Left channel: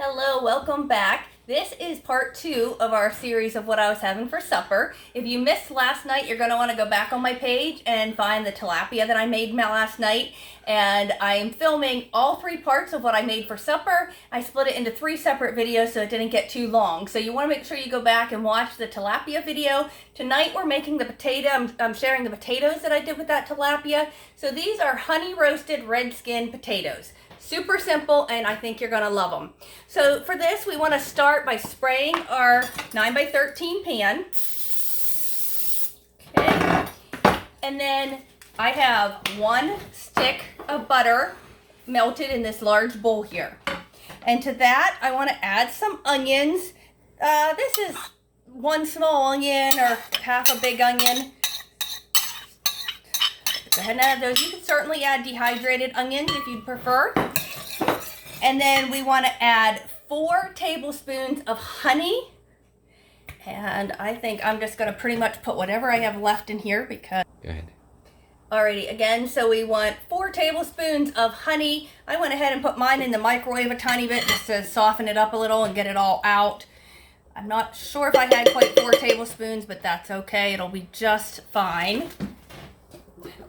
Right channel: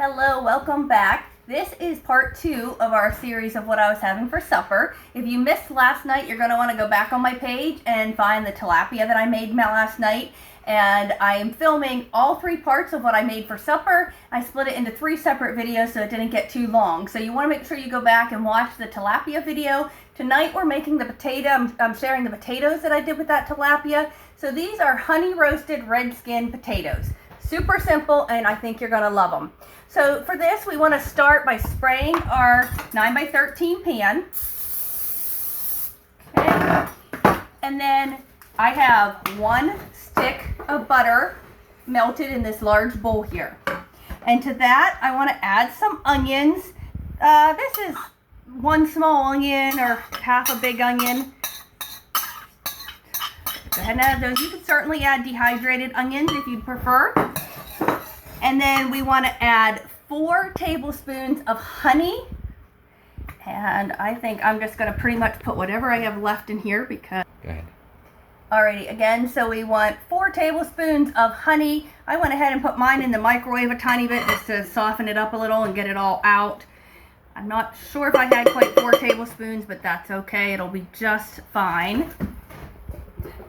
Hello, welcome back. This is part 2 of our series of what I was having for supper. If you missed last night, you're going to want to go back on my page and find the tilapia that I made last night. And I am filming all 3 parts of what I made for supper. I split it into 3 separate videos so it didn't get too long. So you want to make sure you go back and watch the tilapia video. Tonight we're making the potato. I'm sharing the potatoes that I did with that tilapia. So these are honey roasted red skin potatoes. Super simple, and I think you're gonna love them. So for this, we wanna start by spraying our 9x13 pan. Okay. And then I have 1 stick of butter melted in this large bowl here. And to that, I wanna add some onions. This is 1 small onion or half a big onion. Go ahead and add those. You can certainly add dehydrated onions if you prefer. And then we want to add 4 tablespoons of honey. And I think I'm just going to pretty much put whatever I have left in here because... Go ahead. Alrighty, again, so we want 4 tablespoons of honey. I went ahead and put mine in the microwave a tiny bit just to soften it up a little and get it all out. I'm not sure if I had quite 4 tablespoons, but that's okay. It'll be just fine.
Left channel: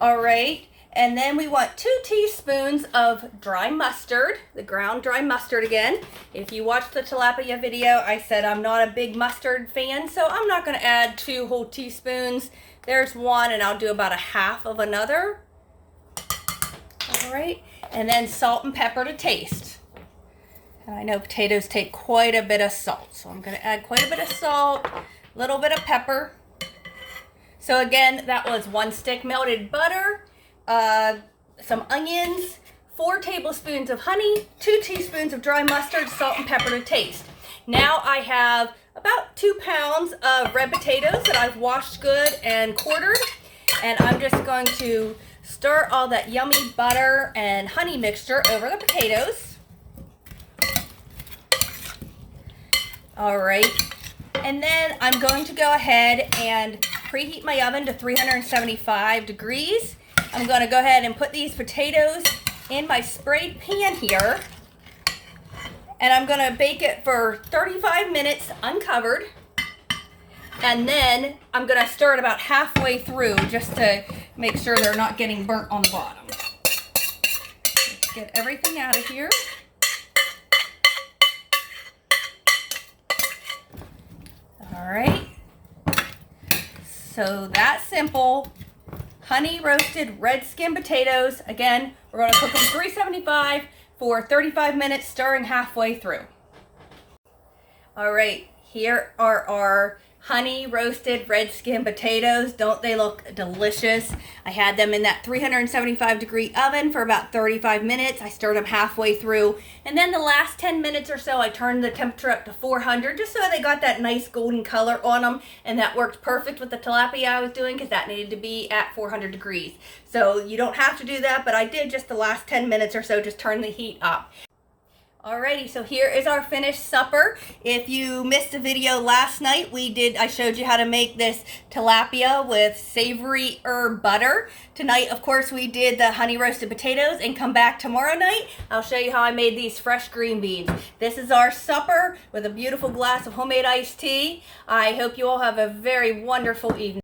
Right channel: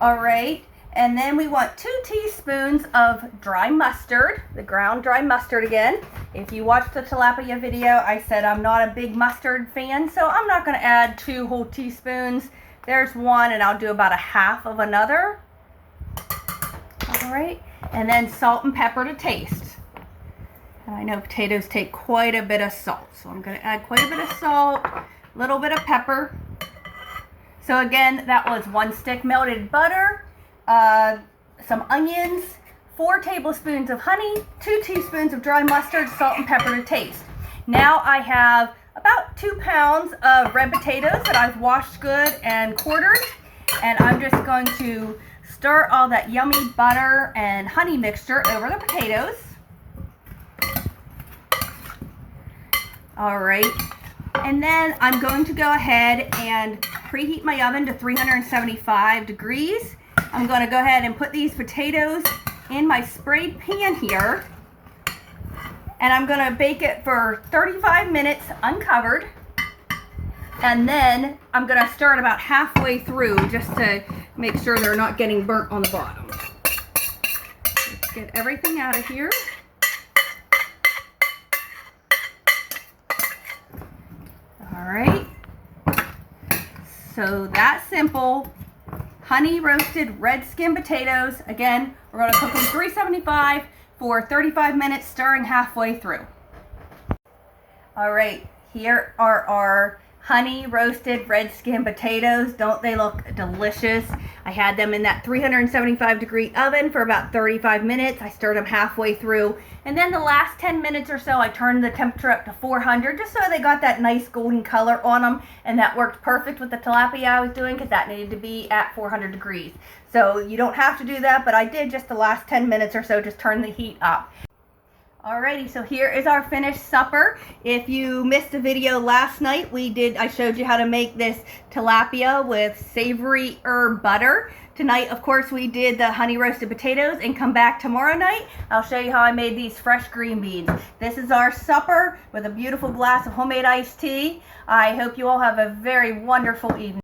Alright, and then we want 2 teaspoons of dry mustard, the ground dry mustard again. If you watched the tilapia video, I said I'm not a big mustard fan, so I'm not going to add 2 whole teaspoons. There's 1, and I'll do about a half of another. Alright, and then salt and pepper to taste. And I know potatoes take quite a bit of salt, so I'm going to add quite a bit of salt, a little bit of pepper. So again, that was 1 stick melted butter, some onions, 4 tablespoons of honey, 2 teaspoons of dry mustard, salt and pepper to taste. Now I have about 2 pounds of red potatoes that I've washed good and quartered. And I'm just going to stir all that yummy butter and honey mixture over the potatoes. All right. And then I'm going to go ahead and preheat my oven to 375 degrees. I'm going to go ahead and put these potatoes in my sprayed pan here. And I'm going to bake it for 35 minutes uncovered. And then I'm going to stir it about halfway through just to make sure they're not getting burnt on the bottom. Let's get everything out of here. Alright, so that's simple. Honey roasted red skin potatoes. Again, we're going to cook them 375 for 35 minutes, stirring halfway through. Alright, here are our honey roasted red skin potatoes. Don't they look delicious? I had them in that 375 degree oven for about 35 minutes. I stirred them halfway through. And then the last 10 minutes or so, I turned the temperature up to 400 just so they got that nice golden color on them. And that worked perfect with the tilapia I was doing because that needed to be at 400 degrees. So you don't have to do that, but I did just the last 10 minutes or so, just turn the heat up. Alrighty, so here is our finished supper. If you missed the video last night, I showed you how to make this tilapia with savory herb butter. Tonight, of course, we did the honey roasted potatoes, and come back tomorrow night, I'll show you how I made these fresh green beans. This is our supper with a beautiful glass of homemade iced tea. I hope you all have a very wonderful evening.